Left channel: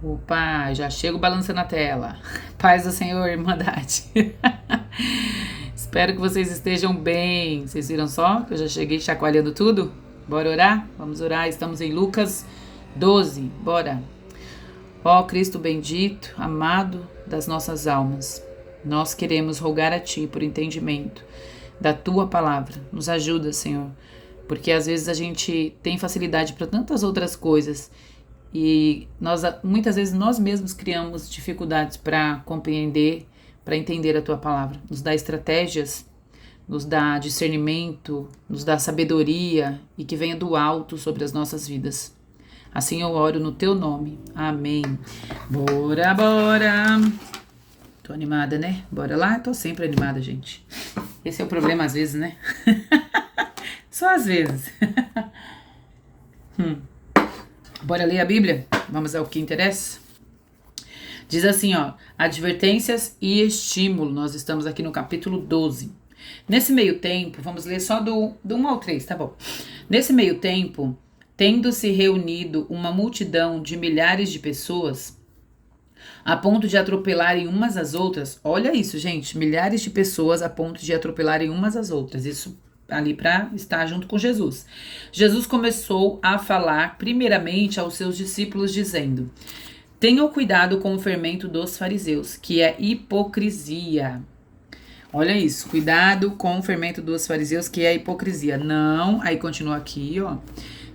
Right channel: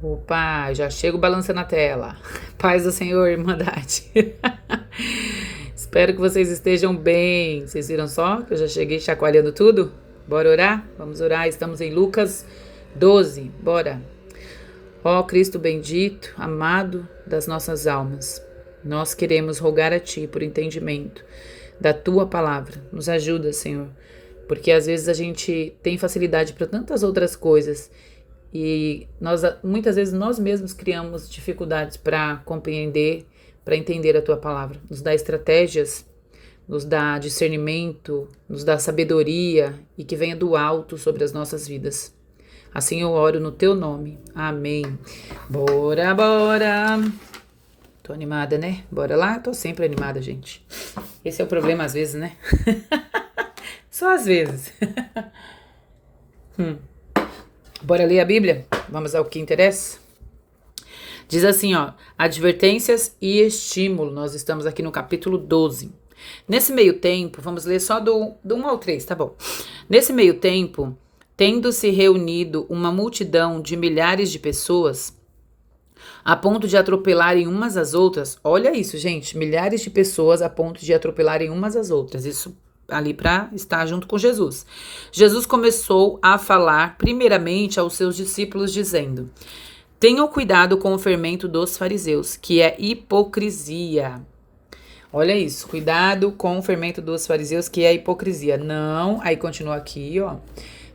Opa, já chego balançando a tela. Paz do Senhor, Irmandade. Espero que vocês estejam bem. Vocês viram só que eu já cheguei chacoalhando tudo? Bora orar? Vamos orar. Estamos em Lucas 12. Bora. Ó Cristo bendito, amado das nossas almas, nós queremos rogar a Ti por entendimento da Tua palavra. Nos ajuda, Senhor, porque às vezes a gente tem facilidade para tantas outras coisas e muitas vezes nós mesmos criamos dificuldades para compreender, para entender a Tua palavra. Nos dá estratégias, nos dá discernimento, nos dá sabedoria e que venha do alto sobre as nossas vidas. Assim eu oro no Teu nome. Amém. Bora, bora. Tô animada, né? Bora lá? Tô sempre animada, gente. Esse é o problema às vezes, né? Só às vezes. Bora ler a Bíblia? Vamos ao que interessa? Diz assim, ó. Advertências e estímulo. Nós estamos aqui no capítulo 12. Nesse meio tempo, vamos ler só do 1 ao 3, tá bom? Nesse meio tempo, tendo-se reunido uma multidão de milhares de pessoas, a ponto de atropelarem umas às outras. Olha isso, gente, milhares de pessoas a ponto de atropelarem umas às outras. Isso ali para estar junto com Jesus. Jesus começou a falar primeiramente aos seus discípulos, dizendo: tenham cuidado com o fermento dos fariseus, que é hipocrisia. Olha isso, cuidado com o fermento dos fariseus, que é hipocrisia. Não, aí continua aqui, ó.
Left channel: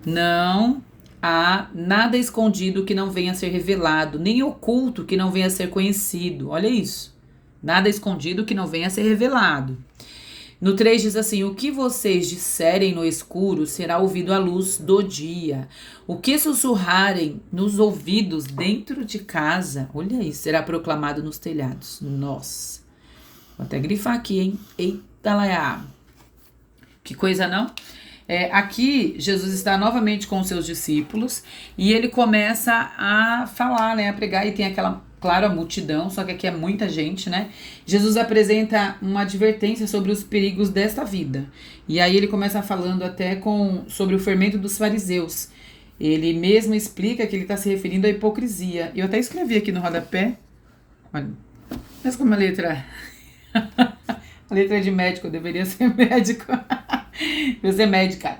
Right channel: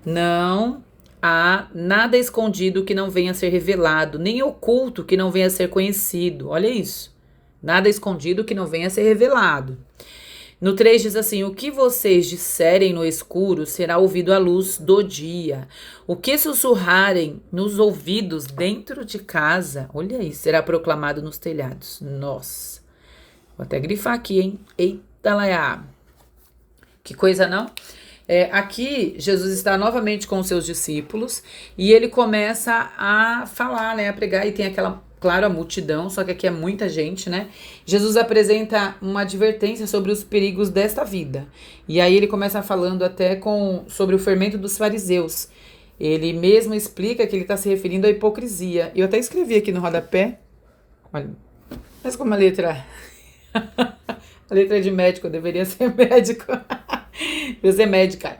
Não há nada escondido que não venha a ser revelado, nem oculto que não venha a ser conhecido. Olha isso. Nada escondido que não venha a ser revelado. No 3 diz assim: o que vocês disserem no escuro será ouvido à luz do dia. O que sussurrarem nos ouvidos dentro de casa, olha isso, será proclamado nos telhados. Nossa. Vou até grifar aqui, hein? Eita lá. Que coisa, não? Aqui, Jesus está novamente com os seus discípulos e ele começa a falar, né, a pregar, e tem aquela, claro, a multidão, só que aqui é muita gente, né? Jesus apresenta uma advertência sobre os perigos desta vida. E aí ele começa falando até sobre o fermento dos fariseus. Ele mesmo explica que ele está se referindo à hipocrisia. Eu até escrevi aqui no rodapé, olha, mas como a letra... A letra é de médico, eu deveria ser médico. Eu ser médica.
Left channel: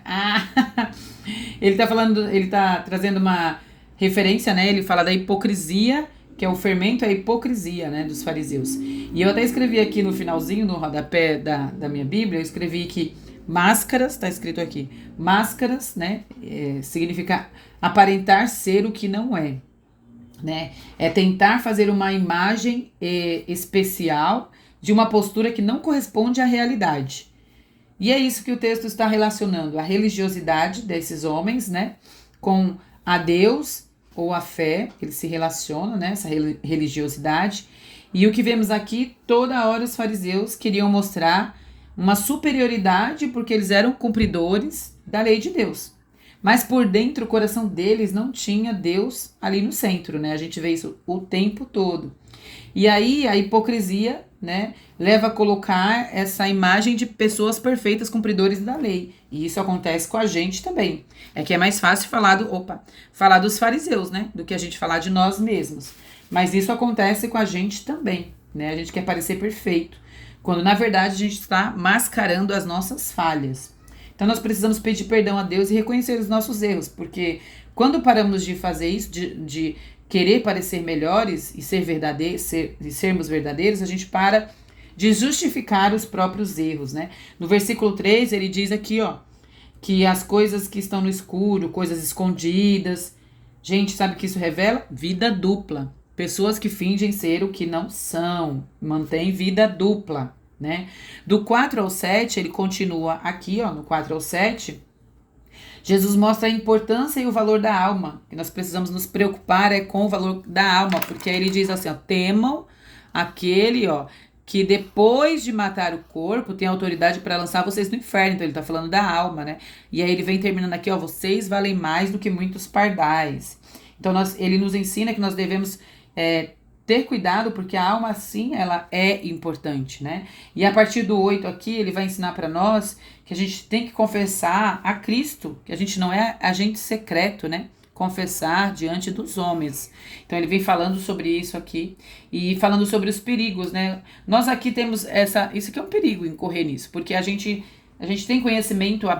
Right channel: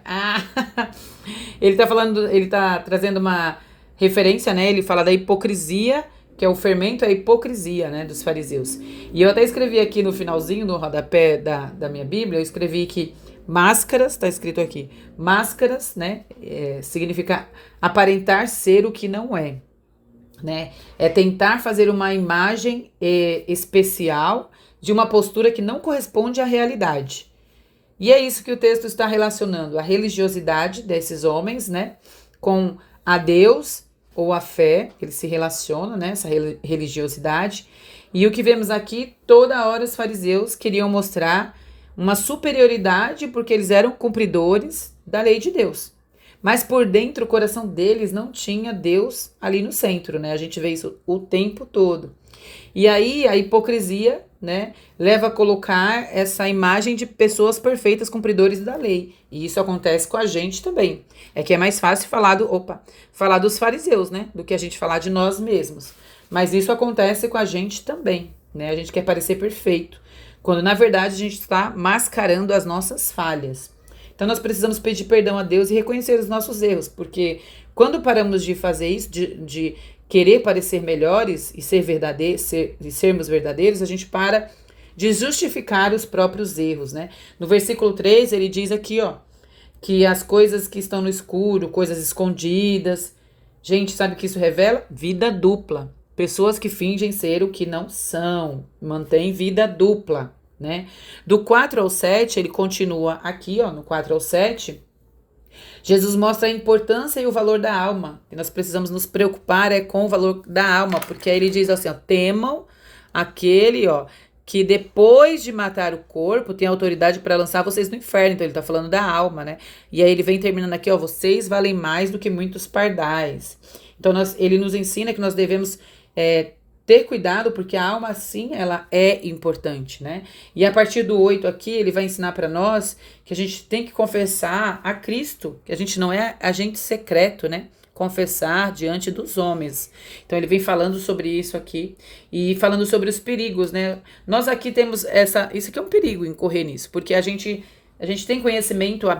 Ele tá falando, ele tá trazendo uma referência, né? Ele fala da hipocrisia, que é o fermento, é a hipocrisia, né? Dos fariseus. E eu até escrevi aqui no finalzinho, no rodapé da minha Bíblia, eu escrevi que máscaras, tá escrito aqui, máscaras, né? Significa aparentar ser o que não é, né? É tentar fazer uma imagem especial de uma postura que não corresponde à realidade. E é isso que o texto está relacionando, a religiosidade desses homens, né, com a Deus ou a fé, eles se relacionam, né, essa religiosidade. E o que vemos aqui, toda hora os fariseus queriam mostrar uma superioridade porque eles eram cumpridores da lei de Deus. Mas por dentro o coração deles não tinha Deus ali no centro, né? A gente vê isso o tempo todo. E aí a hipocrisia, né, leva a colocar essa imagem de pessoas perfeitas, cumpridores da lei. E isso acontece com a gente também. É que é mais fácil falar dos fariseus, né, do que a gente falar de nós mesmos. Mas isso acontece com a gente também, né? A gente quer parecer perfeito, quando na verdade a gente está mascarando as nossas falhas. Então nós precisamos pedir perdão a Deus e reconhecer os nossos erros, porque quando paramos de fazer isso, de querer parecer melhores e sermos verdadeiros, a gente para de justificar os próprios erros, né? No versículo 3, ele diz aqui, ó, que as coisas que estão no escuro, coisas escondidas, gente, sabe o que isso revela? Vida dupla. Pessoas que fingem ser o que não são, mantêm vida dupla, né? Do 4 ao 7, ele continua aqui, ó, no 4 ao 7, Jesus mostra a importância e o valor da alma, que nós precisamos nos preocupar com o valor da alma, porque aí ele diz assim, ó, temam aquele, ó, que depois de matar o corpo tem autoridade para lançar vocês no inferno. Então ele tá falando da alma, né? E aí ele vem terminando aqui, ó, vocês valem mais do que muitos pardais. Então ele nos ensina que nós devemos ter cuidado, porque a alma, sim, ela é importante, né? E a partir do 8 aqui, ele vai ensinar para nós que a gente tem que confessar a Cristo, que a gente não é agente secreto, né? confessar diante dos homens. Então ele vem falando sobre isso aqui e falando sobre os perigos, né? Nós aqui temos isso aqui é um perigo incorrer nisso, porque a gente tem conhecimento da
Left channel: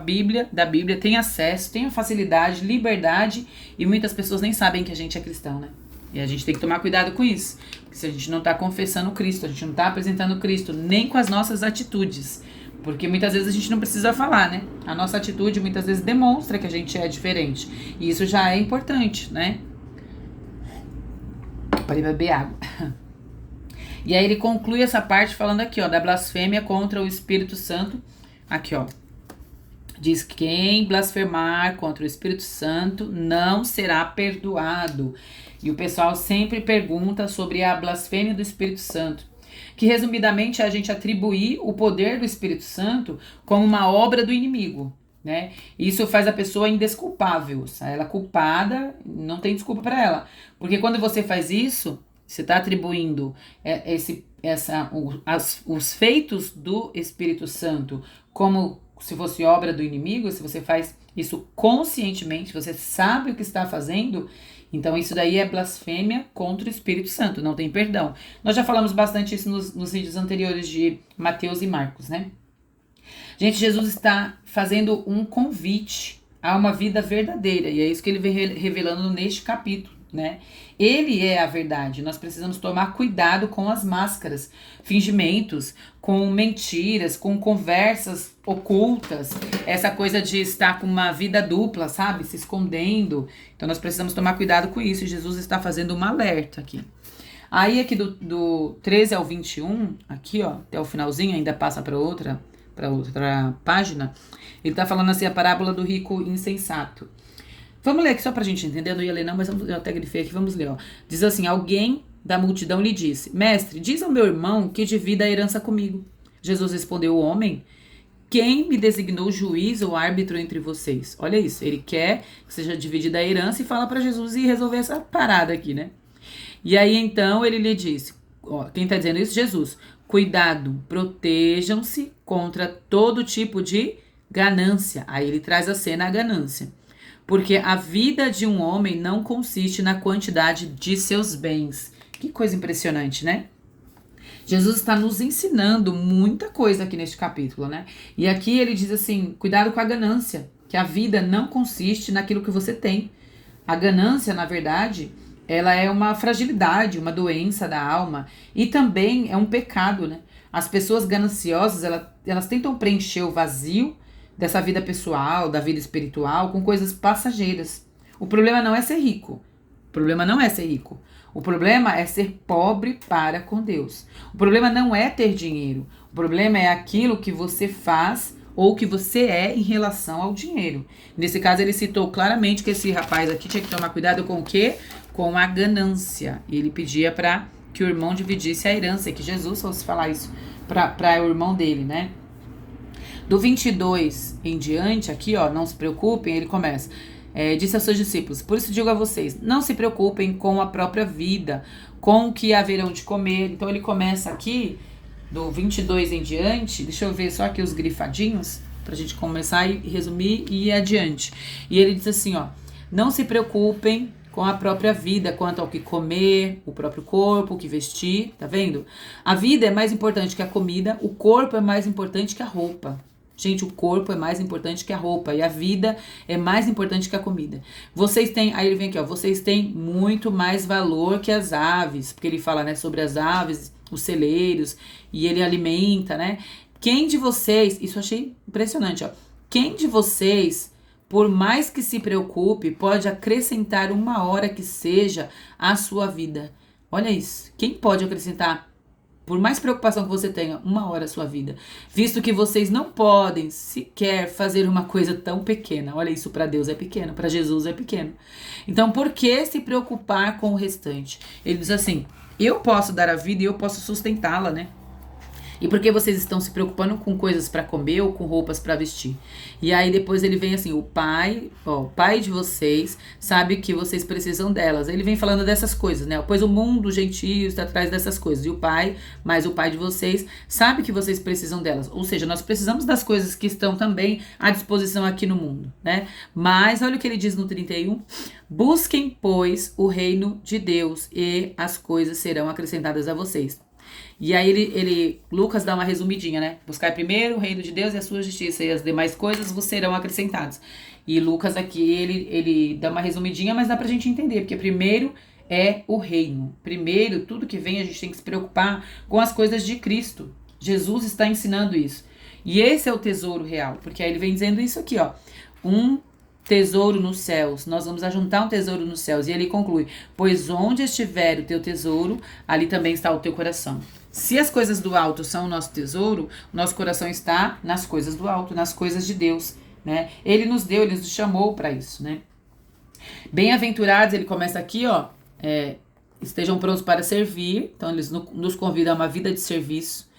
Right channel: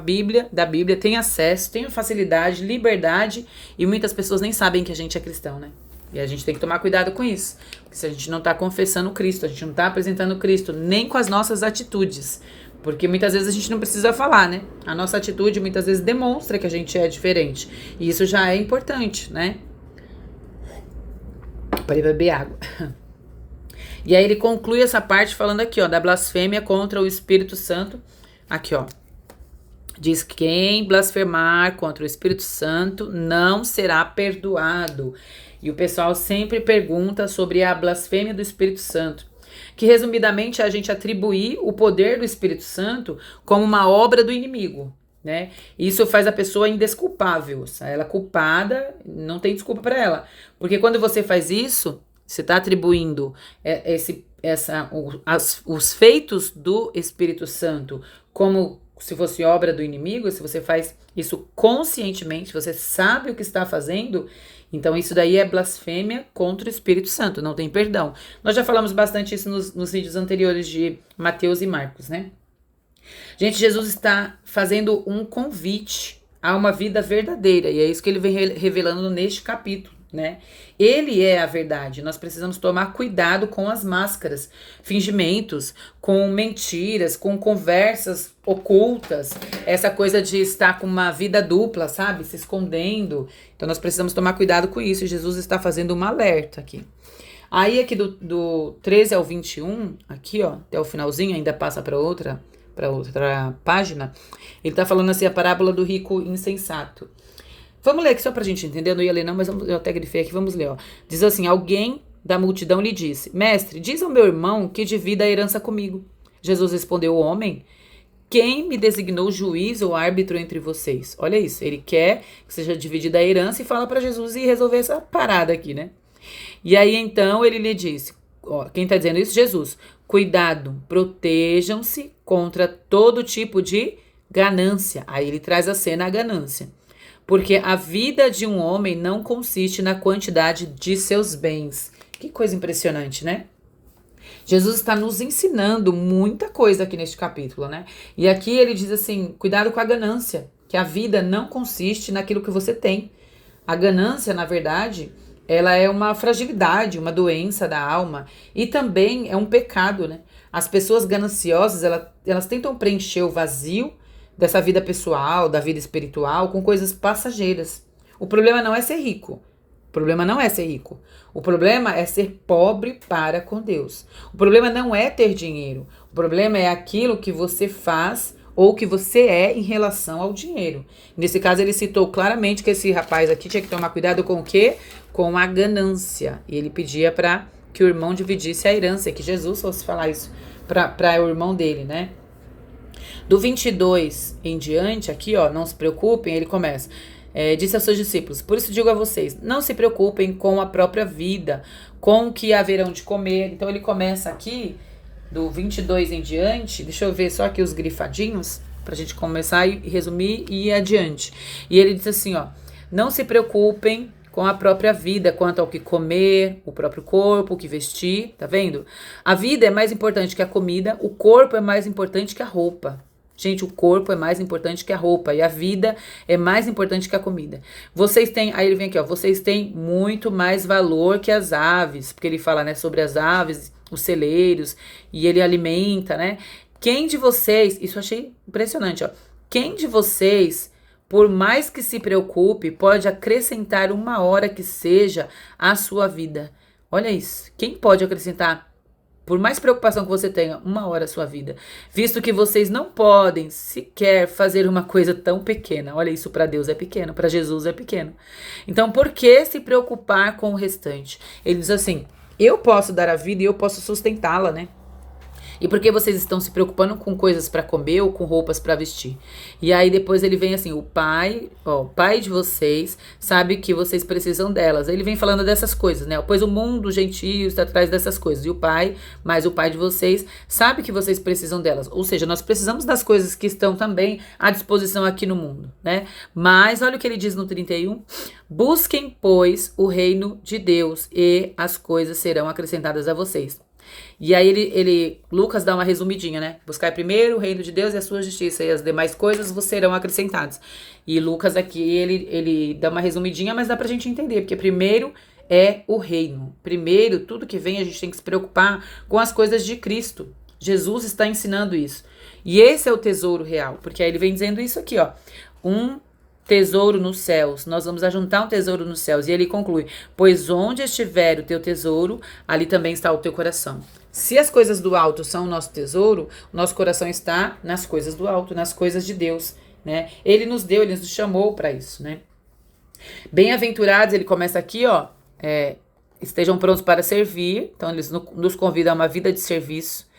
Bíblia, tem acesso, tem facilidade, liberdade, e muitas pessoas nem sabem que a gente é cristão, né? E a gente tem que tomar cuidado com isso. Porque se a gente não está confessando Cristo, a gente não está apresentando Cristo, nem com as nossas atitudes. Porque muitas vezes a gente não precisa falar, né? A nossa atitude muitas vezes demonstra que a gente é diferente. E isso já é importante, né? Para beber água. E aí ele conclui essa parte falando aqui, ó, da blasfêmia contra o Espírito Santo. Aqui, ó. Diz que quem blasfemar contra o Espírito Santo não será perdoado. E o pessoal sempre pergunta sobre a blasfêmia do Espírito Santo, que resumidamente é a gente atribuir o poder do Espírito Santo como uma obra do inimigo, né? Isso faz a pessoa indesculpável. Ela culpada, não tem desculpa para ela. Porque quando você faz isso, você está atribuindo os feitos do Espírito Santo como se fosse obra do inimigo. Se você faz isso conscientemente, você sabe o que está fazendo, então isso daí é blasfêmia contra o Espírito Santo, não tem perdão. Nós já falamos bastante isso nos vídeos anteriores de Mateus e Marcos, né? Gente, Jesus está fazendo um convite a uma vida verdadeira, e é isso que ele vem revelando neste capítulo, né? Ele é a verdade. Nós precisamos tomar cuidado com as máscaras, fingimentos, com mentiras, com conversas ocultas, essa coisa de estar com uma vida dupla, sabe? Se escondendo. Então nós precisamos tomar cuidado com isso, e Jesus está fazendo um alerta aqui. Aí aqui do 13 ao 21, aqui ó, até o finalzinho, ainda passa para outra página, ele tá falando assim, a parábola do rico insensato. Vamos ler aqui só pra gente entender, eu não ia ler não, mas eu até grifei aqui, vamos ler, ó. Diz assim, alguém da multidão lhe disse, mestre, diz ao meu irmão que divida a herança comigo. Jesus respondeu, homem, quem me designou juiz ou árbitro entre vocês? Olha isso, ele quer que seja dividida a herança e fala pra Jesus e resolver essa parada aqui, né? E aí então ele lhe disse, ó, quem tá dizendo isso? Jesus. Cuidado, protejam-se contra todo tipo de ganância. Aí ele traz a cena a ganância. Porque a vida de um homem não consiste na quantidade de seus bens. Que coisa impressionante, né? Jesus está nos ensinando muita coisa aqui neste capítulo, né? E aqui ele diz assim, cuidado com a ganância, que a vida não consiste naquilo que você tem. A ganância, na verdade, ela é uma fragilidade, uma doença da alma, e também é um pecado, né? As pessoas gananciosas, elas tentam preencher o vazio dessa vida pessoal, da vida espiritual, com coisas passageiras. O problema não é ser rico. O problema não é ser rico. O problema é ser pobre para com Deus. O problema não é ter dinheiro. O problema é aquilo que você faz ou que você é em relação ao dinheiro. Nesse caso, ele citou claramente que esse rapaz aqui tinha que tomar cuidado com o quê? Com a ganância. E ele pedia para que o irmão dividisse a herança, que Jesus fosse falar isso para o irmão dele, né? Do 22 em diante, aqui, ó, não se preocupem, ele começa. Disse aos seus discípulos, por isso digo a vocês, não se preocupem com a própria vida, com o que haverão de comer. Então ele começa aqui, do 22 em diante, deixa eu ver só aqui os grifadinhos, pra gente começar e resumir e ir adiante. E ele diz assim, ó, não se preocupem com a própria vida, quanto ao que comer, o próprio corpo, o que vestir, tá vendo? A vida é mais importante que a comida, o corpo é mais importante que a roupa. Gente, o corpo é mais importante que a roupa e a vida é mais importante que a comida. Vocês têm, aí ele vem aqui, ó, vocês têm muito mais valor que as aves, porque ele fala, né, sobre as aves, os celeiros, e ele alimenta, né? Quem de vocês, isso eu achei impressionante, ó, quem de vocês, por mais que se preocupe, pode acrescentar uma hora que seja à sua vida? Olha isso, quem pode acrescentar? Por mais preocupação que você tenha, uma hora a sua vida. Visto que vocês não podem sequer fazer uma coisa tão pequena. Olha, isso para Deus é pequeno, para Jesus é pequeno. Então, por que se preocupar com o restante? Ele diz assim, eu posso dar a vida e eu posso sustentá-la, né? E por que vocês estão se preocupando com coisas para comer ou com roupas para vestir? E aí depois ele vem assim, o pai de vocês sabe que vocês precisam delas. Ele vem falando dessas coisas, né? Pois o mundo gentio está atrás dessas coisas. E o pai, mas o pai de vocês sabe que vocês precisam delas. Ou seja, nós precisamos das coisas que estão também à disposição aqui no mundo, né? Mas olha o que ele diz no 31. Busquem, pois, o reino de Deus e as coisas serão acrescentadas a vocês. E aí Lucas dá uma resumidinha, né? Buscai primeiro o reino de Deus e a sua justiça, e as demais coisas vos serão acrescentadas. E Lucas aqui, ele dá uma resumidinha, mas dá pra gente entender, porque primeiro é o reino. Primeiro, tudo que vem, a gente tem que se preocupar com as coisas de Cristo. Jesus está ensinando isso. E esse é o tesouro real, porque aí ele vem dizendo isso aqui, ó. Um tesouro nos céus, nós vamos ajuntar um tesouro nos céus. E ele conclui, pois onde estiver o teu tesouro, ali também está o teu coração. Se as coisas do alto são o nosso tesouro, o nosso coração está nas coisas do alto, nas coisas de Deus, né? Ele nos deu, ele nos chamou para isso, né? Bem-aventurados, ele começa aqui, ó, estejam prontos para servir, então eles nos convidam a uma vida de serviço.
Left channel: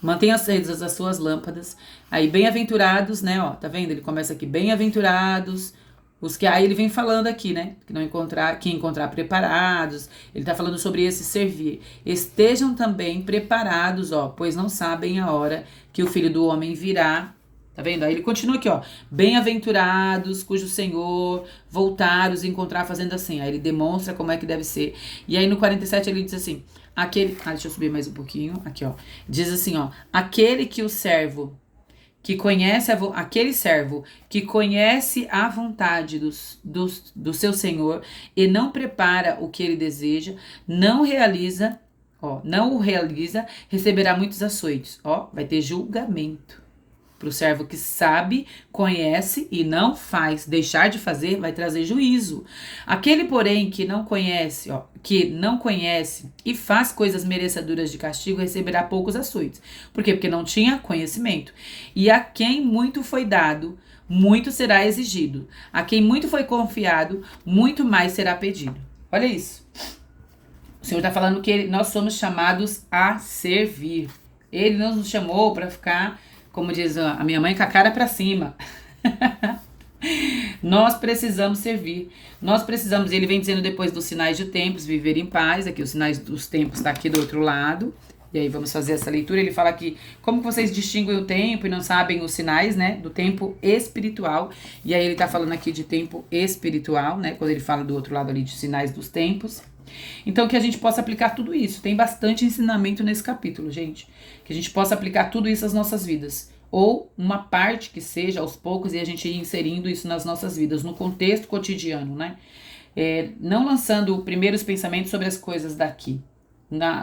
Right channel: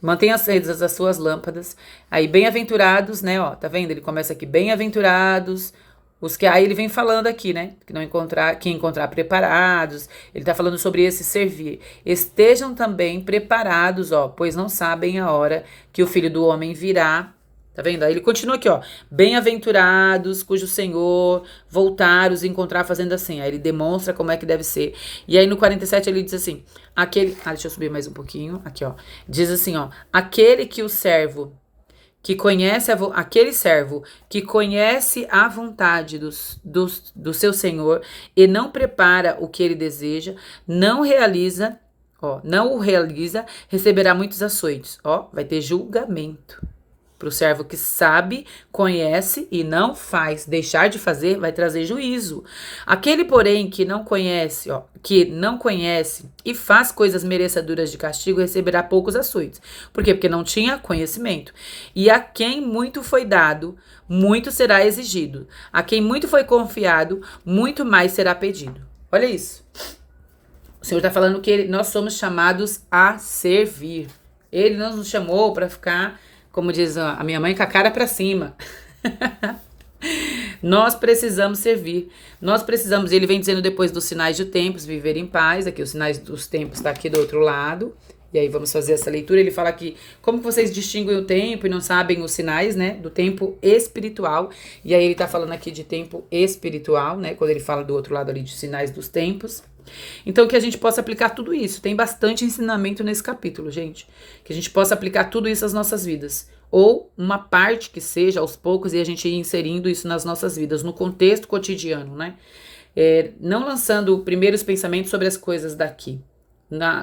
Mantenham acesas as suas lâmpadas. Aí, bem-aventurados, né? Ó, tá vendo? Ele começa aqui, bem-aventurados. Os que aí ele vem falando aqui, né? Que encontrar preparados. Ele tá falando sobre esse servir. Estejam também preparados, ó, pois não sabem a hora que o Filho do Homem virá. Tá vendo? Aí ele continua aqui, ó. Bem-aventurados, cujo Senhor voltar os encontrar fazendo assim. Aí ele demonstra como é que deve ser. E aí no 47 ele diz assim, deixa eu subir mais um pouquinho. Aqui, ó. Diz assim, ó. Aquele servo que conhece a vontade do seu Senhor e não prepara o que ele deseja, não o realiza, receberá muitos açoites. Ó, vai ter julgamento. Para o servo que sabe, conhece e não faz, deixar de fazer vai trazer juízo. Aquele, porém, que não conhece e faz coisas merecedoras de castigo, receberá poucos açoites. Por quê? Porque não tinha conhecimento. E a quem muito foi dado, muito será exigido. A quem muito foi confiado, muito mais será pedido. Olha isso. O Senhor está falando que nós somos chamados a servir. Ele não nos chamou para ficar, como diz a minha mãe, com a cara para cima. Nós precisamos servir. Nós precisamos, ele vem dizendo depois dos sinais de tempos, viver em paz. Aqui os sinais dos tempos está aqui do outro lado. E aí vamos fazer essa leitura. Ele fala aqui, como que vocês distinguem o tempo e não sabem os sinais, né? Do tempo espiritual. E aí ele tá falando aqui de tempo espiritual, né? Quando ele fala do outro lado ali de sinais dos tempos. Então que a gente possa aplicar tudo isso. Tem bastante ensinamento nesse capítulo, gente. Que a gente possa aplicar tudo isso às nossas vidas. Ou uma parte que seja aos poucos e a gente ir inserindo isso nas nossas vidas, no contexto cotidiano, né? Não lançando primeiros pensamentos sobre as coisas daqui.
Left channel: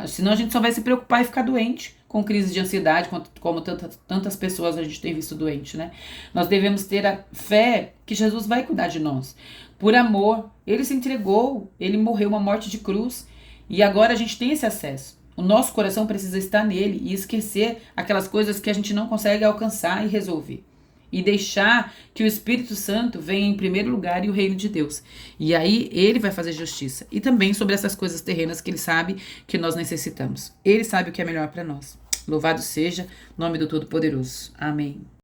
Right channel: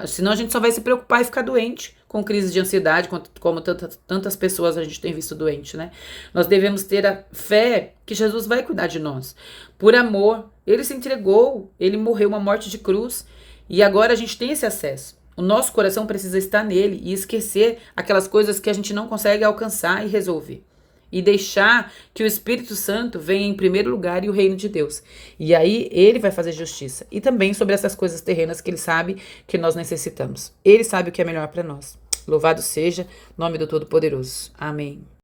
Senão a gente só vai se preocupar e ficar doente, com crise de ansiedade, como tantas pessoas a gente tem visto doente, né? Nós devemos ter a fé que Jesus vai cuidar de nós. Por amor, ele se entregou, ele morreu uma morte de cruz e agora a gente tem esse acesso. O nosso coração precisa estar nele e esquecer aquelas coisas que a gente não consegue alcançar e resolver. E deixar que o Espírito Santo venha em primeiro lugar e o reino de Deus. E aí ele vai fazer justiça. E também sobre essas coisas terrenas que ele sabe que nós necessitamos. Ele sabe o que é melhor para nós. Louvado seja o nome do Todo-Poderoso. Amém.